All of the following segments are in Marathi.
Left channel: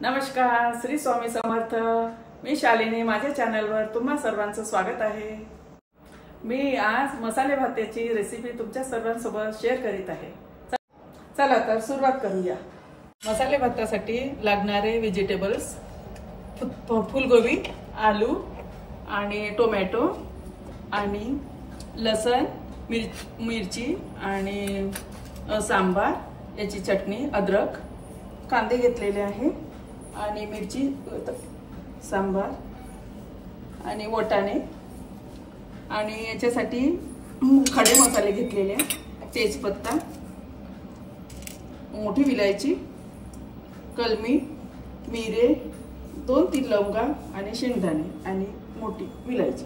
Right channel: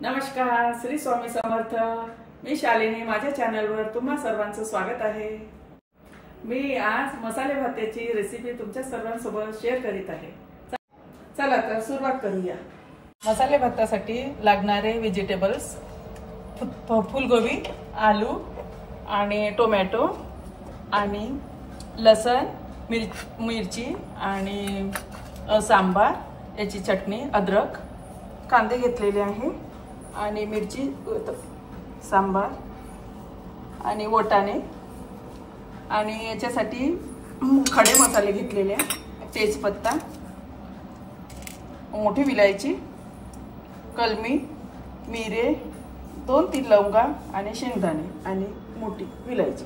नमस्कार, श्री स्वामी समर्थ। मी शालिनी, माझ्या चॅनलवर तुम्हा सर्वांचं स्वागत आहे। मी आज मसाले भाताची रेसिपी तुमच्या सर्वांसोबत शेअर करीत आहे। चला तर सुरुवात करूया। मसाले भातासाठी लागणारे व्हेजिटेबल्स फुलगोबी, आलू आणि टोमॅटो आणि लसण, मिरची आणि सांबार, याची चटणी, अद्रक, कांदे घेतलेले आहे आणि मिरची, सांबार आणि वाटाणे आणि याच्यासाठी खडे मसाले घेतलेले आहे, तेजपत्ता, मोठी विलायची, कलमी, मिरे, 2-3 लवंगा आणि शेंगदाणे आणि मोठी विलायची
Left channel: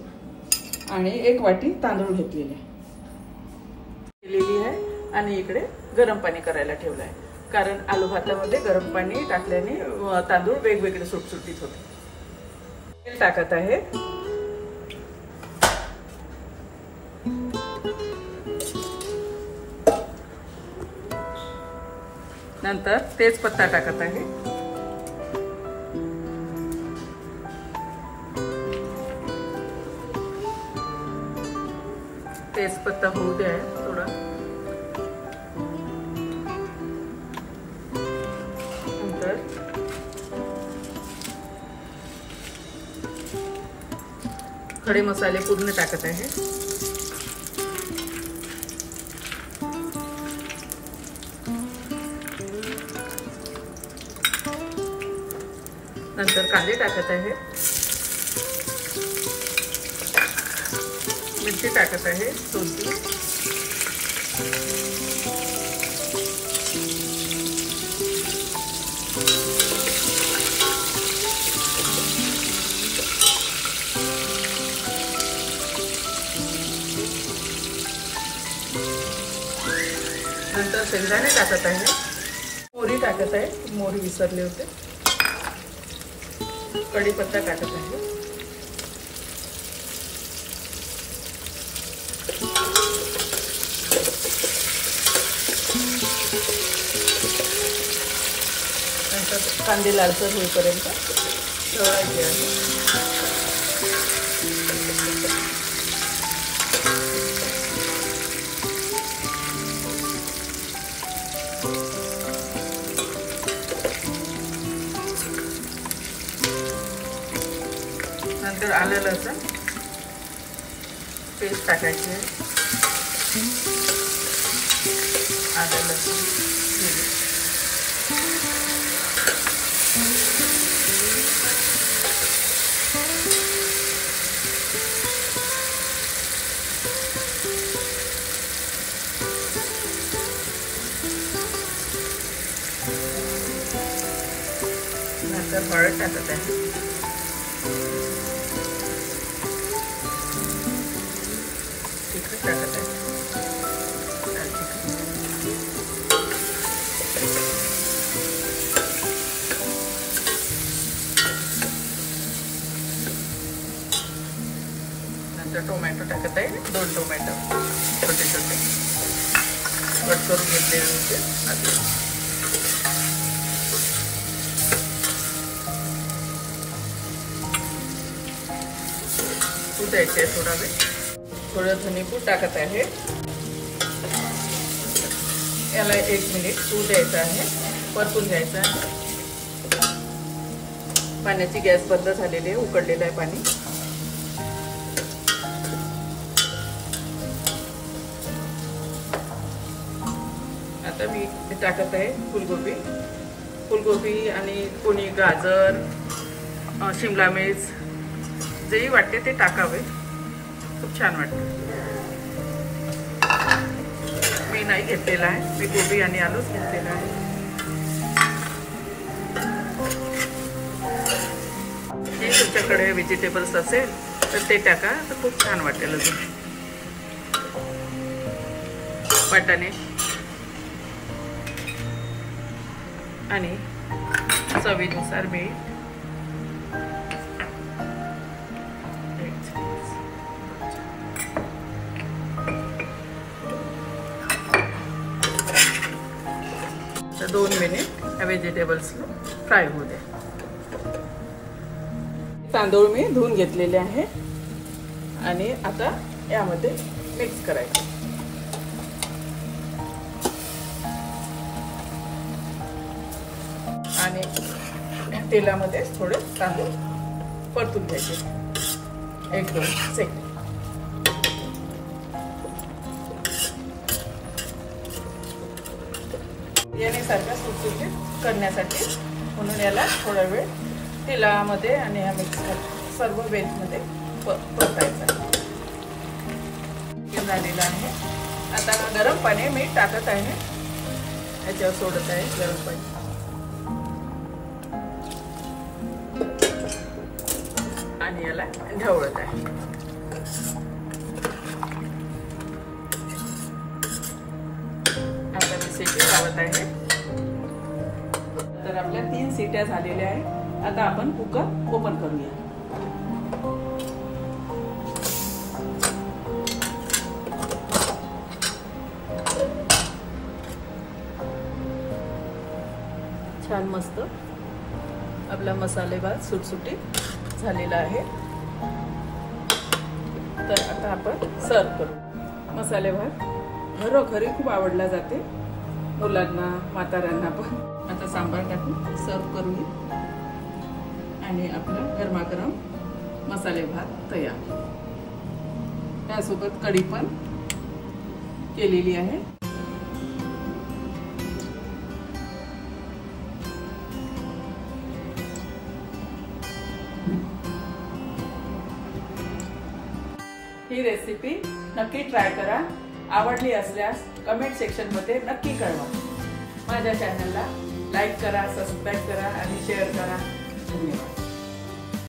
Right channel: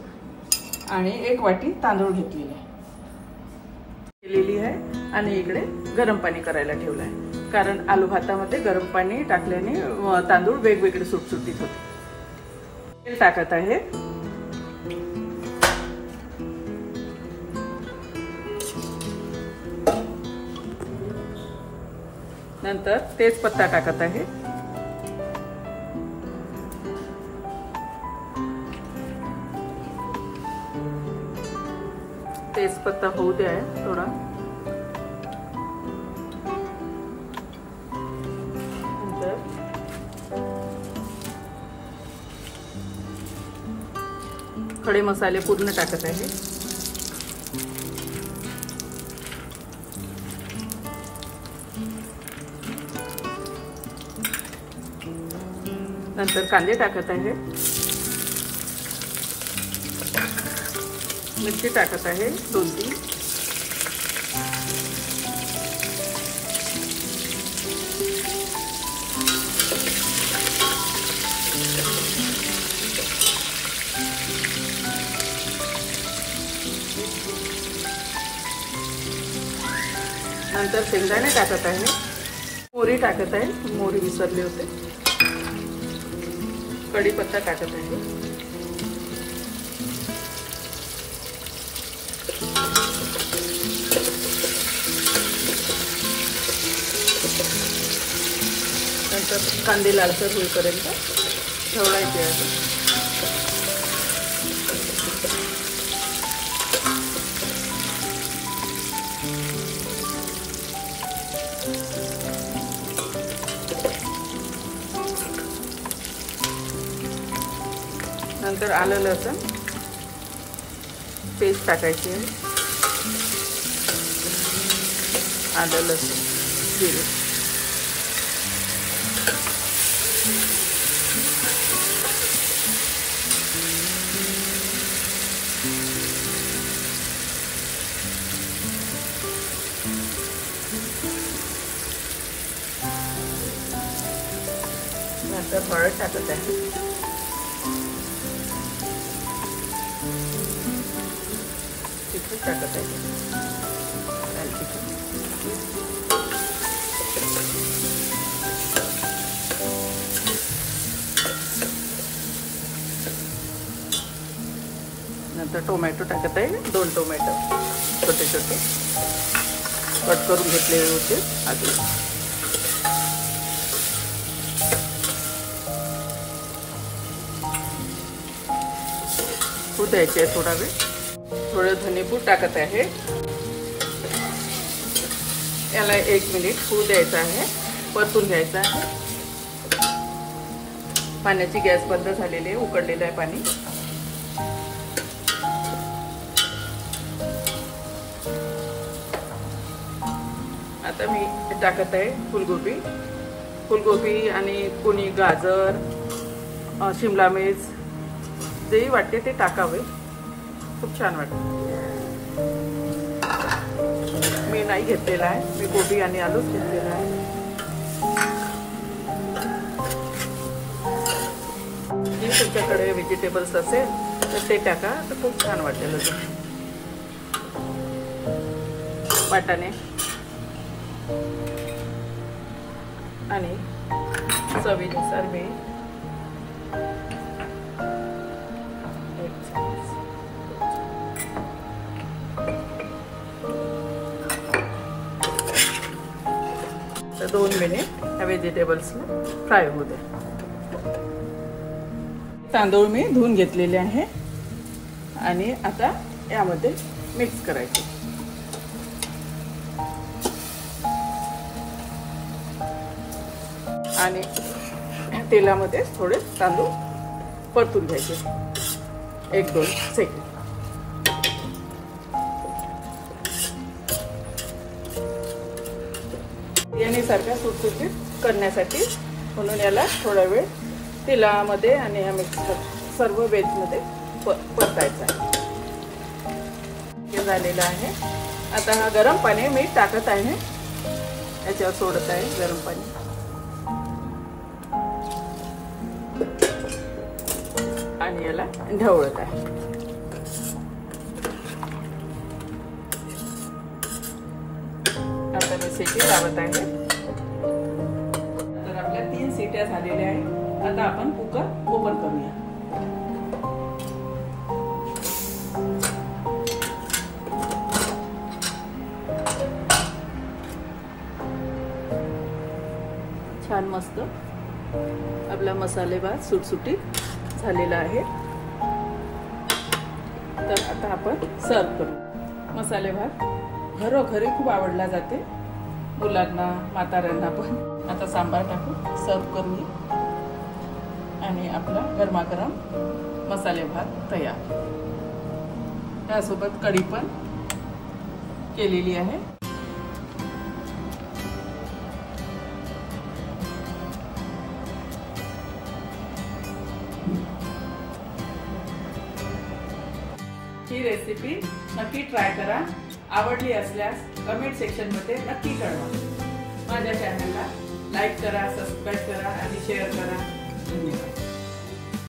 आणि 1 वाटी तांदूळ घेतलेले आहे आणि इकडे गरम पाणी करायला ठेवलं आहे, कारण आलू भातामध्ये गरम पाणी टाकल्याने तांदूळ वेगवेगळे सुटसुटीत होते। तेल टाकत आहे, नंतर तेजपत्ता टाकत आहे, तेजपत्ता होऊ द्या थोडा, नंतर खडे मसाले पूर्ण टाकत आहे, नंतर कांदे टाकत आहे, मिरची टाकत आहे 2-3, नंतर शेंगदाणे टाकत आहे, मोहरी टाकत आहे, मोहरी विसरले होते, कढीपत्ता टाकत आहे, नंतर कांदे लालसर होईपर्यंत ठेवायचे आहे, नंतर आले लसूण पेस्ट टाकायची आहे, आले लसूण जिरे, नंतर हळद टाकत आहे, टाकत आहे, नंतर टोमॅटो टाकत आहे, 2 टोमॅटो छोटे छोटे कट करून घेतले होते, पूड द्यायची आहे थोडा वेळ, थोडं धनेपूड टाकत आहे, याला 1 मिनिट होऊ द्यायचं आहे, परतून घ्यायचं आहे, पाण्याची गॅस बंद झालेली आहे, उकळलेलं आहे पाणी, आता मी टाकत आहे फुलगोबी आणि कोणी गाजर, शिमला मिर्च, जेही वाटते ते टाकावे, खूप छान वाटते। मी नाही घेतलेला आहे, मी गोबी आणि आलूच घेतलेला आहे। जे तुमच्याकडे व्हेजिटेबल्स असेल तर ते टाका, तर खूप छान वाटेल। अजून वाटाणे आणि चवीनुसार मीठ, तर 2 मिनिट ह्या व्हेजिटेबल्स फ्राय होऊ द्या. तांदूळ मी धुवून घेतलेले आहे आणि आता यामध्ये मिक्स करायचं. आणि तेलामध्ये थोडे तांदूळ परतून घ्यायचे 1-2 सेकंद. बिर्याणीसारख्या सुटसुटीत करण्यासाठी म्हणून याला थोडा वेळ तेलामध्ये आणि ह्या मिक्स सर्व वेजमध्ये परतायचं. हे झालेलं आहे. आता हा गरम पाणी मी टाकत आहे, याच्यावर सोडत आहे गरम पाणी. आणि याला ढवळत आहे. आता मी शिट्टी लावत आहे. तर आपल्या 3 शिट्ट्या झालेल्या आहेत. आता आपण कुकर ओपन करूया. छान मस्त आपला मसाले भात सुटसुटीत झालेला आहे. तर आता आपण सर्व करू. मसाले भात घरोघरी खूप आवडला जाते, मुलांना म्हाताऱ्यांना पण. आता सांबार टाकून सर्व करूया आणि आपला गरमागरम मसाले भात तयार. त्यासोबत कढी पण केलेली आहे. ही रेसिपी नक्की ट्राय करा. आवडली असल्यास कमेंट सेक्शन मध्ये नक्की कळवा. माझ्या चॅनलला लाईक करा, सबस्क्राईब करा आणि शेअर करा. धन्यवाद.